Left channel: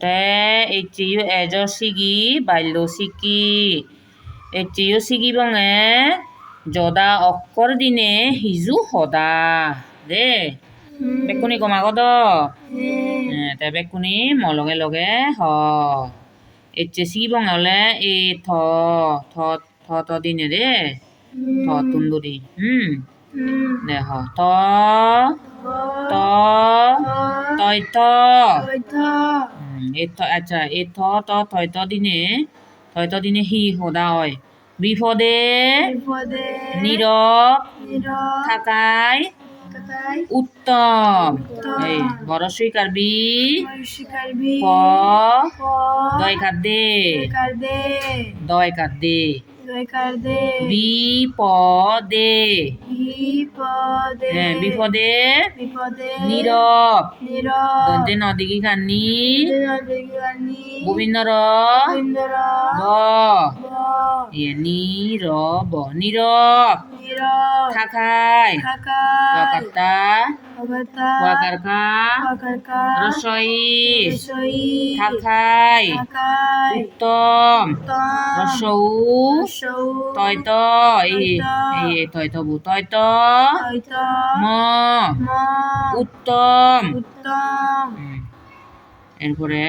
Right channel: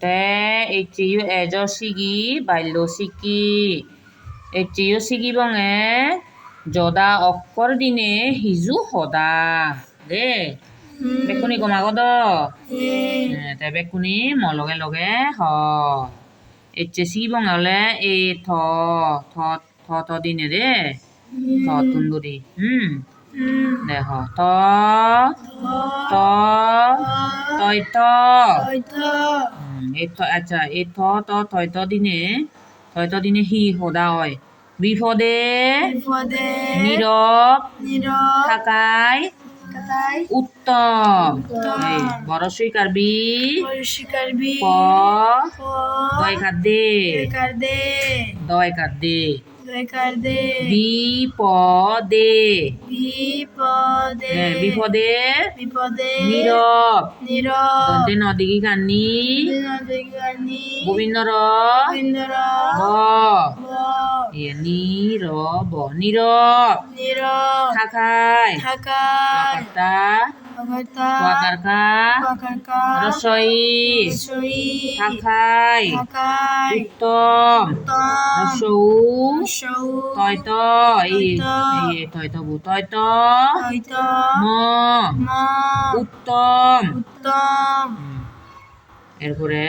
তে এচিও এজ সিগি বাল্য সিকি এচিও সিগি বঙে যদা অক্কর দিনে হিজু সদা দে বেকুনি কমাগদ তে বেকুনি মলগে লগে হ এচে সিগি বঙে হলে এ থ থ থ থ দিনে দে থ তুন্দুরি দেখ ত ত তয় ত আচ্ছা এ থ ত থয় ত দিনে হি সদা হয় বিপদে নীরব থাকায় উত্তম এই বড় স্বীকার বি প দয় কার দে বিপদে বিপদে নীরব দন্তে নদিগি কান্নি গোবিন্দর ব নীরব থাকায় কর্তা ওয়াকারকা রসই থাকায় উত্তম রসৌ তয়ত তয়ত বু তয়ত ম উত্তম এরপরে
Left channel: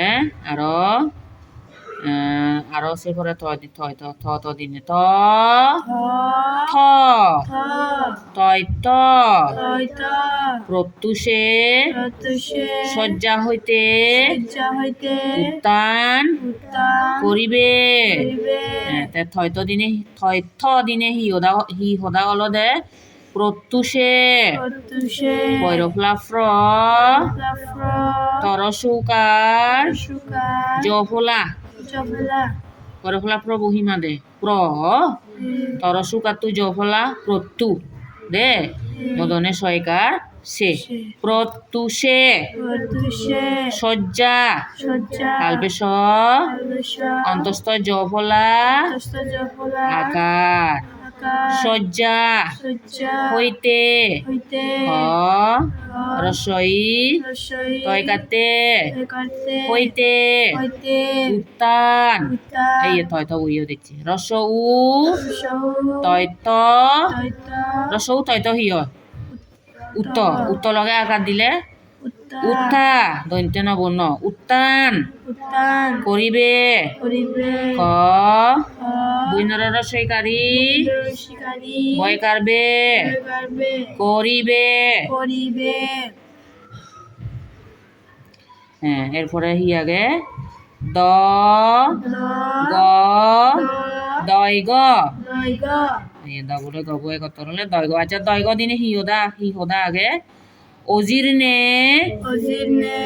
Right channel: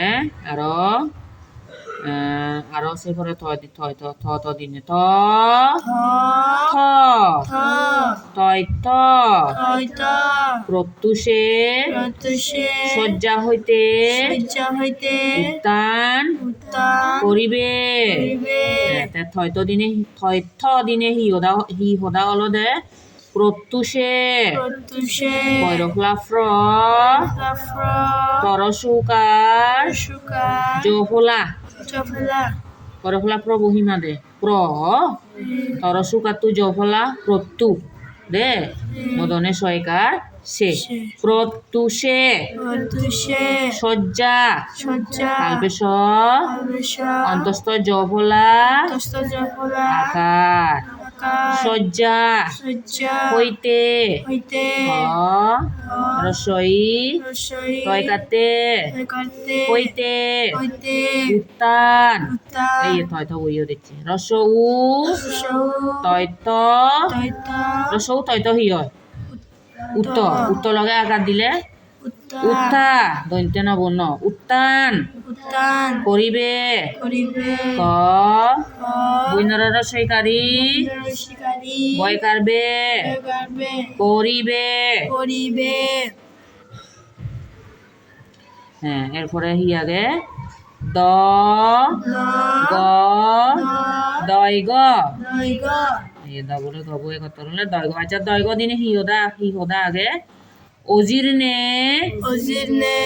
আরো সে করে থ দিনে থ তয়ত প্রত্যুষে শয্যা হইতে উত্তান করিবে থয়ত দিনে হি সদা অলদে প্রত্যুষে পৈরফ্লাফ্র তরসুকার জফলা পৈরফ্লাফ্র বহিমা দে প্র তরসুকার তু জফলা প্রত্যু দে মদনে সয়কার সে প্রত্যুষে শয্যা কালবেশ অন্তস্থ জফলা আকার শয্যা হইতে রসই তয় কাতে হইতে উত্তান এই থয় থ বইও দেখছি রসৌ তয়ত রসৌ তয়ত হিয় উত্তর লগে আকার দিলে উত্থা দৈন্ত নবর্ণ উত্তান করিবে ক বৈনর রসইকারী বয় কারবে করিবে হ্যাঁ এরপরে হি আগে দ গ দয় গ বলে গব কত হলে দয় গ আচ্ছা দয় গ দিনে হি হোদা আগে অজির্ণে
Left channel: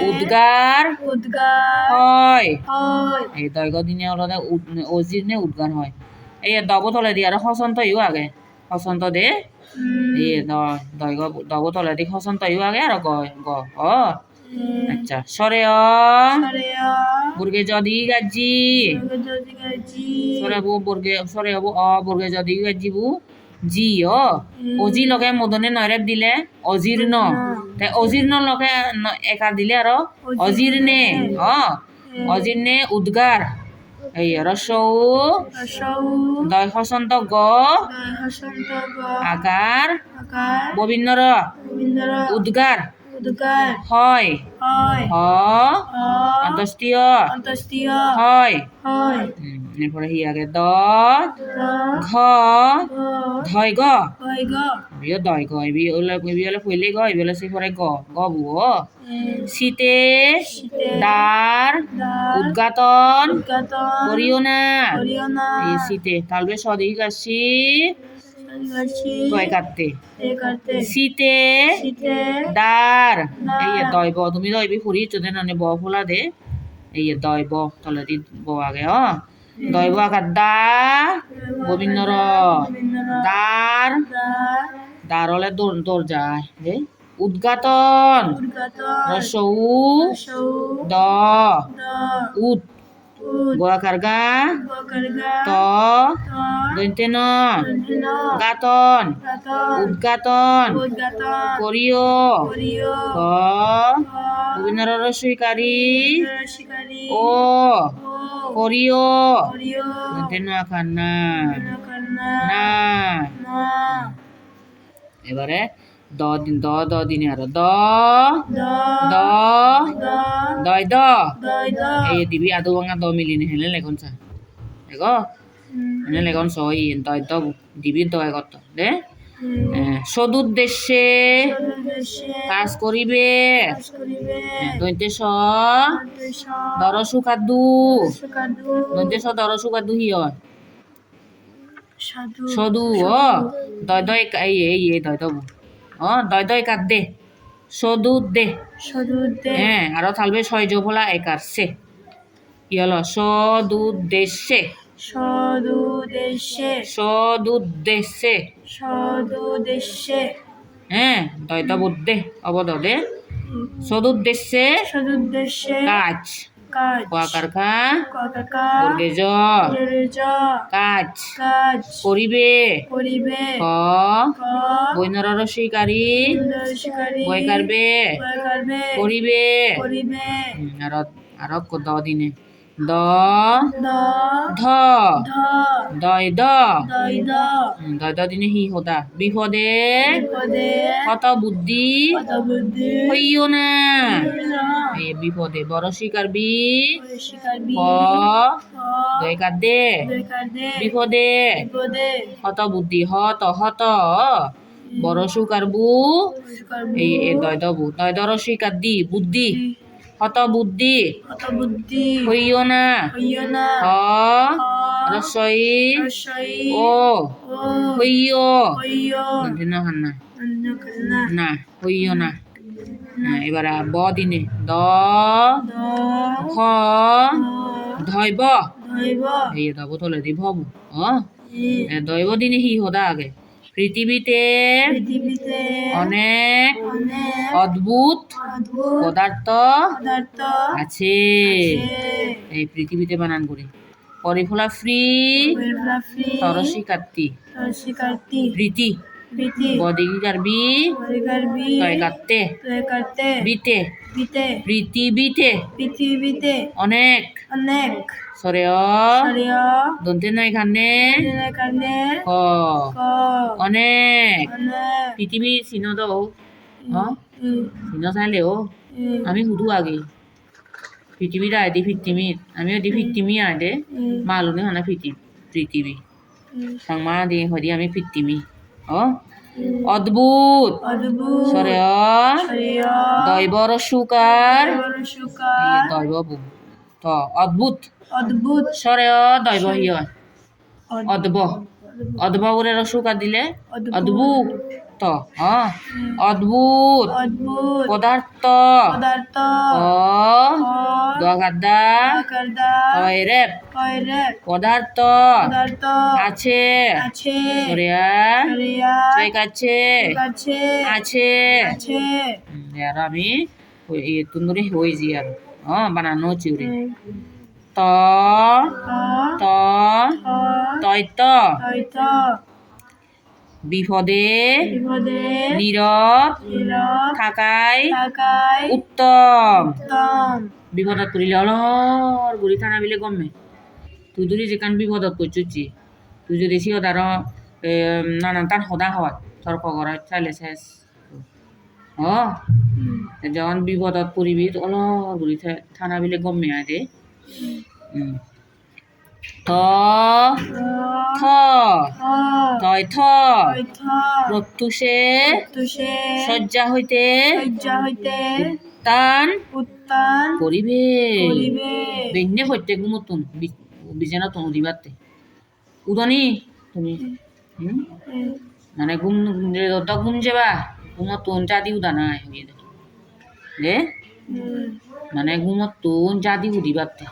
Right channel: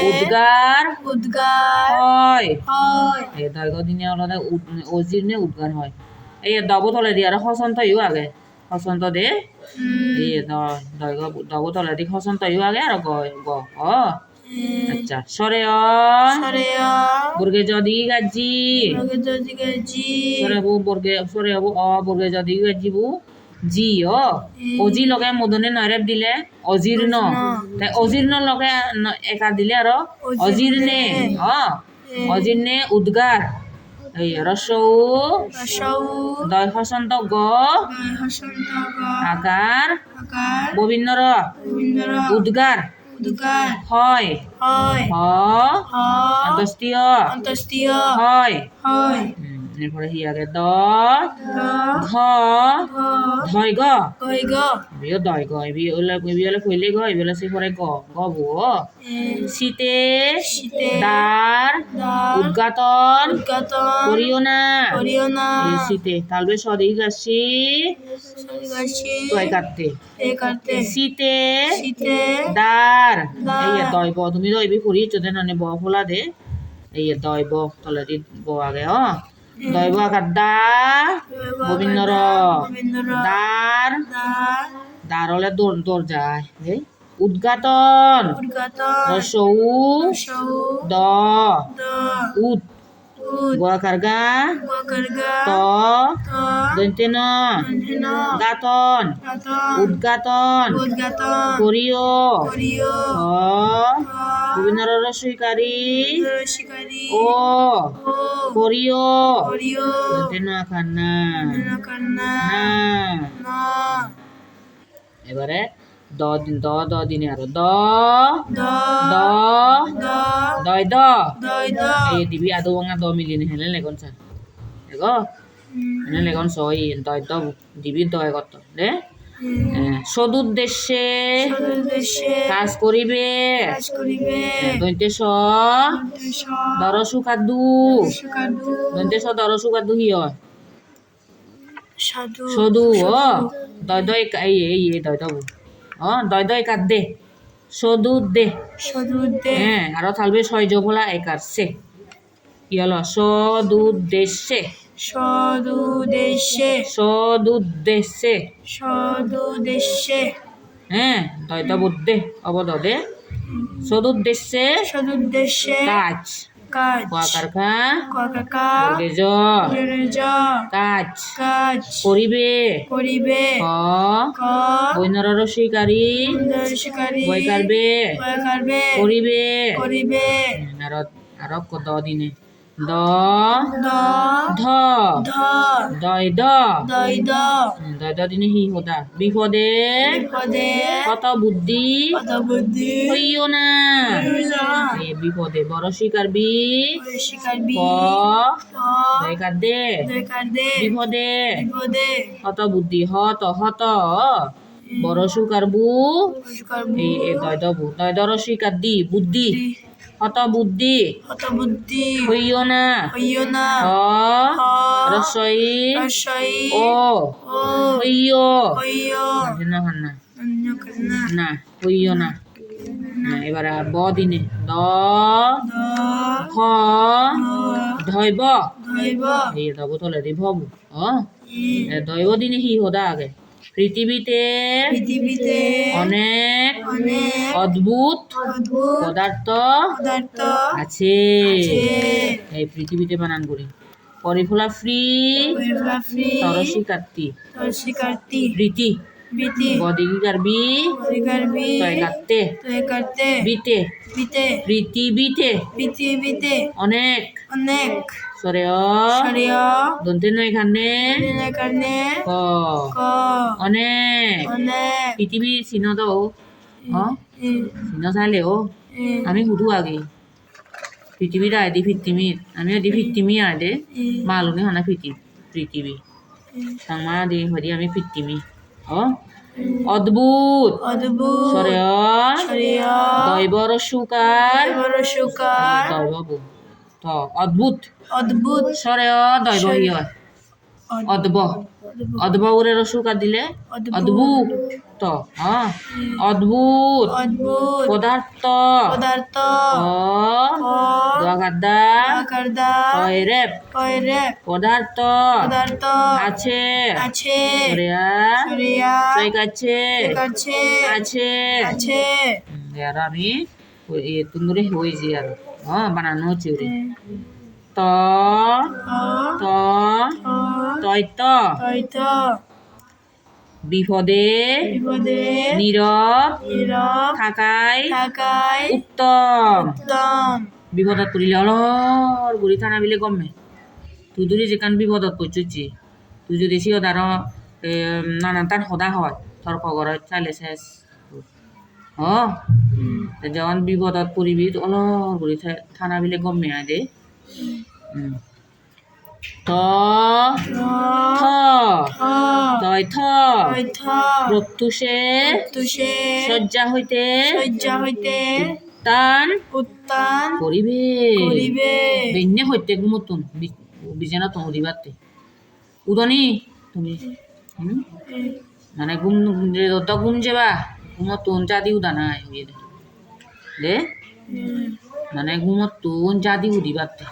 উদ্গার হয় এই দৈগ দিনে অলদে অজির্ণে উদ্গার হয় এই দব তলে দি আর হসন্ত ইউ আগে হসন্ত দে এই দৈগ দব তলে দি হসন্ত ইউ আগে আর গ গ অ আচ্ছা সরে অ বুর্গে যদি গাজি সরে বু বুর্গে সরে বু অ বুর্গে যদি গাজি বু জি অজি লগে মদনে নৈরেপ দিলে অজীর্ণ অজীর্ণ লগে একার দিলে আর অজীর্ণে অজীর্ণে উদ্গার এই রসৌ দয় হসন্ত গ আকার গোবিন্দর উদ্গার হয় অন্তস্তীয় হয় এরপরে হি আগে দ ঘ ধয় গ বিও দয় গ বিলে কইলে গ বিলে সে পরে গ বু শীতে দ্বার উদ্ঘাটন করিও না এই শীতে তালবে সদি গাছি তয় কাটতে শীতে দ্বার এই দয়ব তুমি দয়বি ফুরি যদি নানে ব ফোলা দে এই দয়ব তলে দি ব আগে দৈব আকার দা গোবিন্দর দ্বার হলে দরজা উদ্ঘাটন রসৌ দ উদ গোয়াকার গা ত দন্তে ন গাতন উদ্গাতন করিও হ বিভিন্ন রসইকারী ও করিও দন্তে ন আকার না না এবারে দ দ দিনে আরো দ দ দয় দ এই দিবি আদো বাঙা দ মিলিনে হেলে লেগন সা এগো হেলে লেগন সই দয় দ দিবি দয় কত দে সদুদ্দেশ্যে কাজ করিবে দন্তে স দরসু কাদু দন্তে স দরসু কাদু হি হয় সদু ও দয় দয় এই দয় দবু দয় দয় কাদ দে সদুদ্দে হ্যাঁ আরো থাকবে ছয় জোফলা একার সে কি হলো সদুদ্দেশ্যে সদুদ্দেশ্যে হ্যাঁ দয় দব দে অবদ দে সদুদ্দেশ্যে কাজ কোয়াকার খা বর্গে জ কাজ করিবে ক বৈনর রসইকারী বৈকারবে করিবে আর দ দিনে দ ধ দয় দ দয় দ দিনে হি হোদা বিপদে কত বুদ্ধি হইও না বিপদে বড় শিকার বি ক দয় কার দে বিপদে কত বুদ্ধি হত বড় সুকার বু এই দয় দবু দয় দর শিকার দি বুদ্ধি হত বুদ্ধি হইও না হ রসই ও হইও না হইও না এবার ব দিনে দ ভ ধৈব এই দব তোলে দি ভবু দৈব দিনে হি হোদা আগে পৃথিবীতে অনেক অদ্ভুত পদার্থ আছে এই পৃথিবীতে বানান করি পরিফলা ফ্রি তরসিকার্তি রীতি বদিকার বি তয় কাটতে বিতে পৃথিবীতে অনেক সরে দন্তে নয় এখানে ক অনেক পৃথিবীর চিহ্ন দাও চিহ্ন চাইলে আমি সুধু আগে পৃথিবীর আয় দি পৃথিবীর আমিও দি পৃথিবী আয় দে মালুনে হানা পৃথিবী সাংমা দি হরি আমি পৃথিবী অদ্ভুত সরে দৈব রসুকার দৈব বু তো অদ্ভুত সরে দৈব হি হয় অদ্ভ করে রসুকার দিলে অদ্ভুত অদ্ভুত পদার্থ দগাদা রেপ পদার্থ আছে আছে আর আমি তুন্দুরি হয়েছি আর বানানো চিউরি তয়ত বিপদে নীরব থাকাই উত্তম বিপদত পড়িলে অলর গুড়ি থানা বিলে গমে তুই যদি যেখান বিপদত পড়ছি তুই যদি সি তার নানান তার সদা হয় তর্ক করে চাইলে শেষ যখন বিপদত পড়িবি অলর গুড়ি থানা বিলে গমে আয় দে থ প্রত্যুষে শয্যা হইতে উত্তান করিবে বেন্যে হইতে ঘুমতুন বিছানা তো উদিবাতে উদনি তুমি মানে ঘুম যাবা ঘুমতুন চাঁদি উদা নাই হইয়ে দে মানে ঘুমতুন চাঁদি উদিবাতে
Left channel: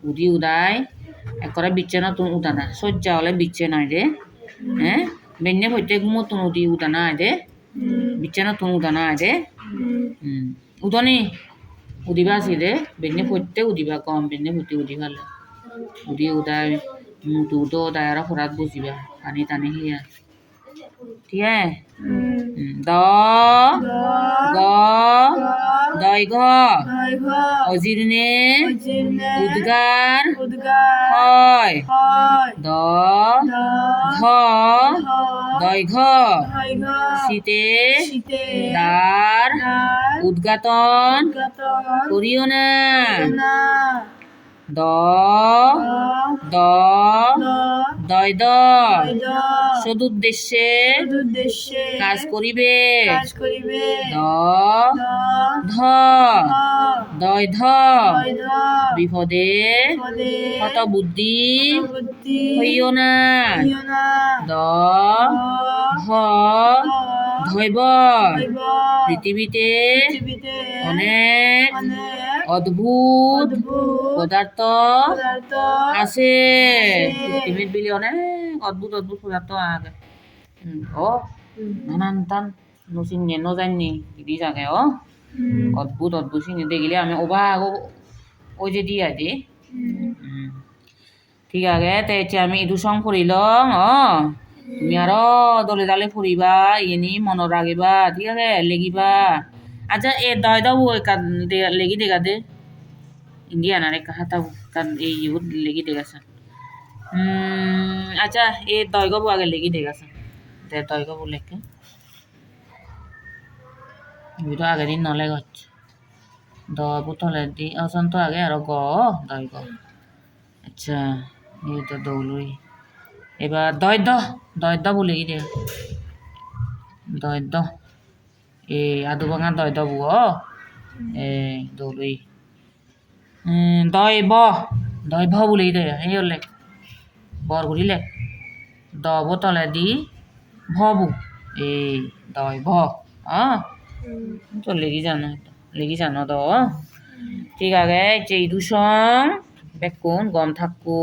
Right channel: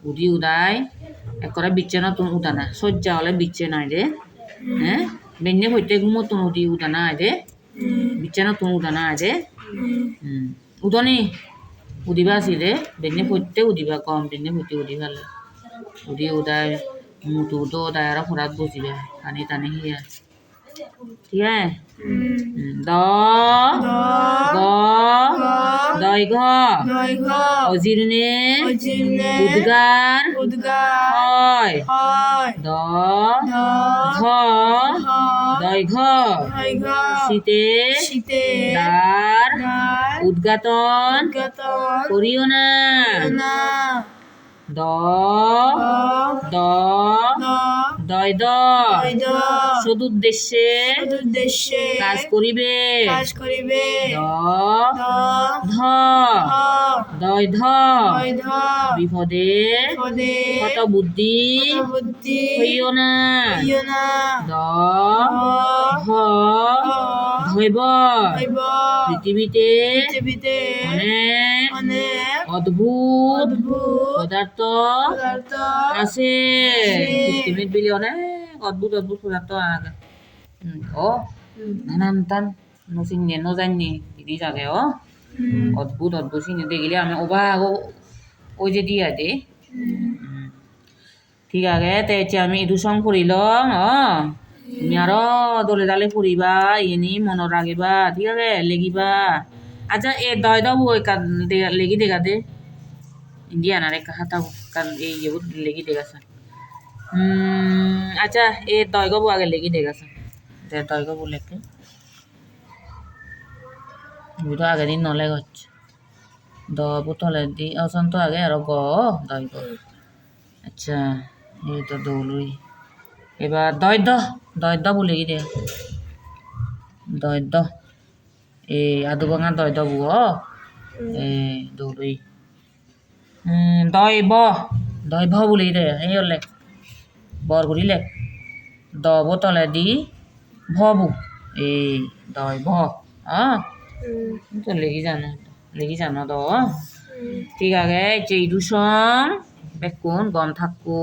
উদি উদায় একরা বিছানা তো উদা না শয্যা হলে বিচ্ছে নাই রে বেন্যে হইতে ঘুমতুন উদি উদা নাই দে বিছানা তো উদা নাই দে উদনি উদিবা আছে দে বেনে ফুটতে উদিবা কম বেনে ফুটি উদিবালে উদি উদাই মুটু তো উদাই আর ফরাত বসিবা পানি টানি হিয়া ঠিক আছে দ গ দৈঘ অজিরনে উদ্গার হয় দ ঘ দৈঘ শীতে দ্বার উদ্ঘাটন করিও না দ দ দয় সদুদ্দেশ্যে কাজ করিবে দ ধ দয় ধ বিপদে কত বুদ্ধি হইও না দ ভ ধৈব পৃথিবীতে অনেক অদ্ভুত পদার্থ আছে পৃথিবীত বিলি অনেক অদ্ভুত অদ্ভুত পদার্থ আছে ও নানান টান নচিনে নজানি দিদি জাগে ও অদ্ভুত অদ্ভুত চিনি দেখিলে আমি অবাক ওই যে দিয়া দে ঠিক আছে তে এতিয়া আমি এইটো সং ফুৰি লওঁ তুমি আৰু দলে দালে ফুৰিবা এনি মনত ৰাখিবা ঠিক আছে লেগিবা আচ্ছা এ দয় দাও লেগি দেখা দে ইন্ডিয়া না রে কাহাতা কাল এই ইহুত লেগি দেখাছে আচ্ছা এ দয় গবো আগে লেগি দেখাছে দে দয় গবো লেখে বুঝো আগে দিন নলে গছ দ বুতলে দি অসন্ত আগে আর গ দয় গ আচ্ছা এই তো দৌলুই এবার দয় দ বলে গিয়ে দয় দ এই আদু ভাঙা দয় দ বুয় এই দৌলুই দয় ভ বলে দে এই লেখ বর ঘুরি লেখ দ বোতলে দি ভবু এই দয় ভ তো লেগি জানো দ ঠিক আছে এই দুসং বেকুন গম থাকো